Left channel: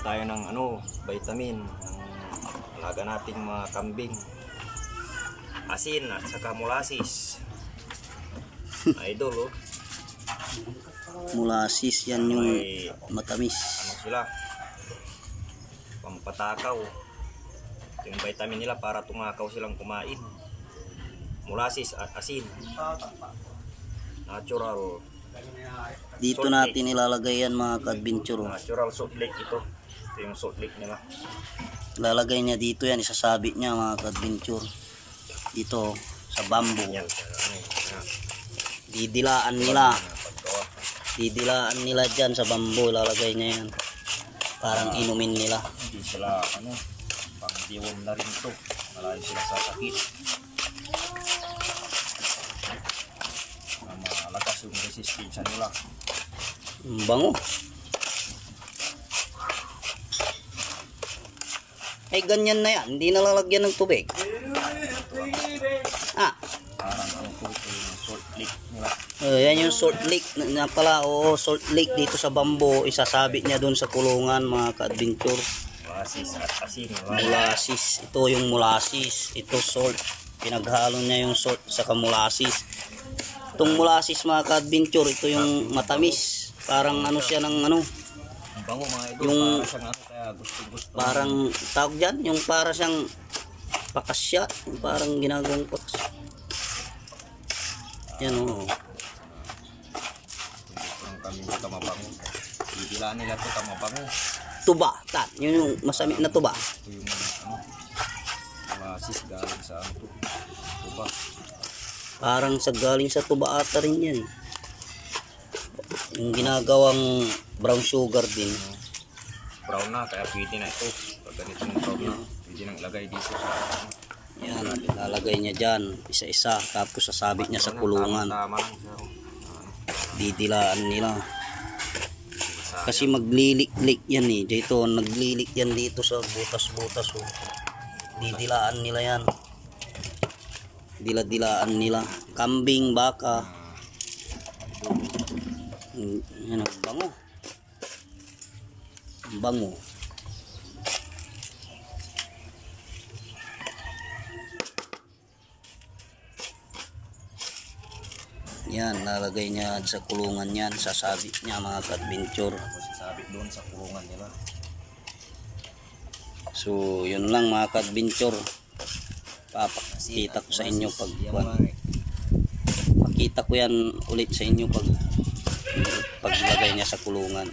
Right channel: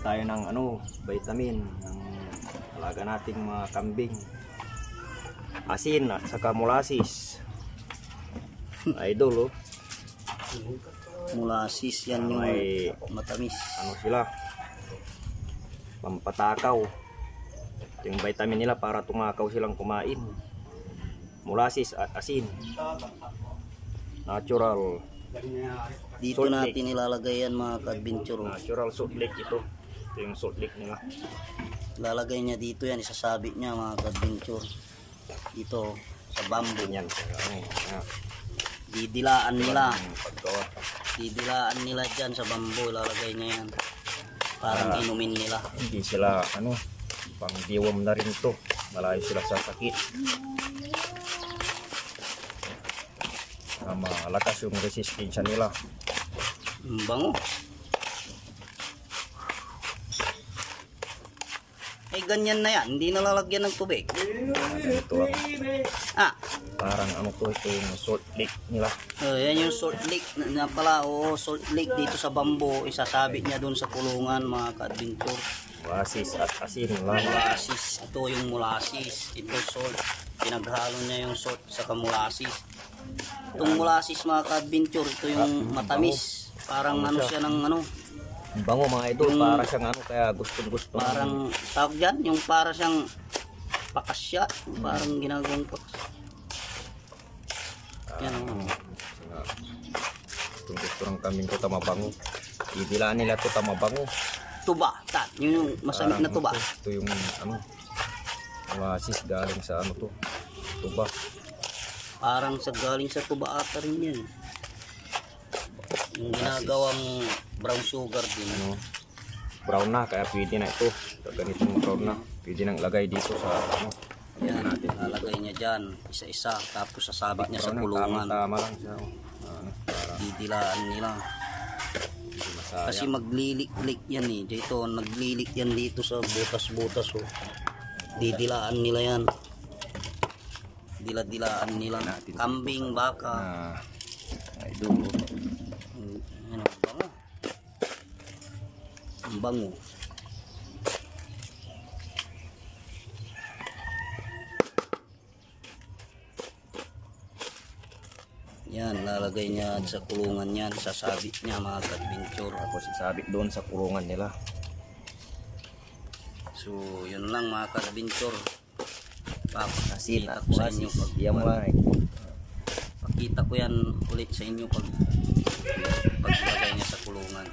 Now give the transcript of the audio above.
tayo ng vitamin ng alaga nating mga kambing. Asin at saka molasses. Idol, oh. Molasses yan yung matamis. Ano sila? Pampatakaw. Yung vitamin nila para tumakaw silang kumain. Molasses at asin. Natural. Dito salt natin lake. ilalagay yan mga ka-adventure. Natural salt lake ito. Ito yung salt lake nila. Lalagay niya dito yan, isasabit niya mga ka-adventure. Dito sa bamboo. Yan. Didilaan nila. Didilaan nila dyan sa bamboo. Lalagay niya yan. Parang inumin nila. Hindi sila pang diwam na rin ito. Malayo sila sa sakit. Malakas yung resistensya nila. Bango. Ay ganyan na yan. Hindi nalalagyan ng tubig. Ito parang yung salt lake nila. Yan yung salt lake na pala. Oo, salt lake dito sa bamboo. Isasabit niya doon sa kulungan mga ka-adventure. Molasses at asin. Molasses. Ito yung molasses. Ito salt. Pinaghalo niya yung salt sa molasses. Itong molasses mga ka-adventure, ito yung matamis. Parang siya ng Ang bango mga idol, yung, para siyang kaya gusto. Parang tawag dyan, yung para siyang pakasya. Parang ginagawang pakasya. Yan o. Kung gusto ng kambing ko tamabango. Didilaan nila ito tamabango. Tuba, yun yung masamit na tuba. Ito yung molasses galing sa tuba. Parang sa galing sa tuba ata rin yan. Yung ginagawang brown sugar din. Brown na, kaya pwede na ito. Ganitong brown na. Pwede nang lagay dito sa Yan, lalagay niya dyan. Isa-isa. Tapos sasabit niya sa kulungan. Tama lang siya. Didilaan nila. Kasi maglilik-lik yan eh. Dito, naglilik yan dito sa butas-butas. Oh. Didilaan nila yan. Dila-dilaan nila. Kambing, baka. Yan ang bango. Ang bango. Yan, lalagay niya sa kulungan yan. Sasabit niya mga ka-adventure. Tapos sasabit doon sa kulungan nila. So, yun lang mga ka-adventure. Papakita ko sa inyo pakita ko yan ulit sa inyo paglagay niya sa kulungan.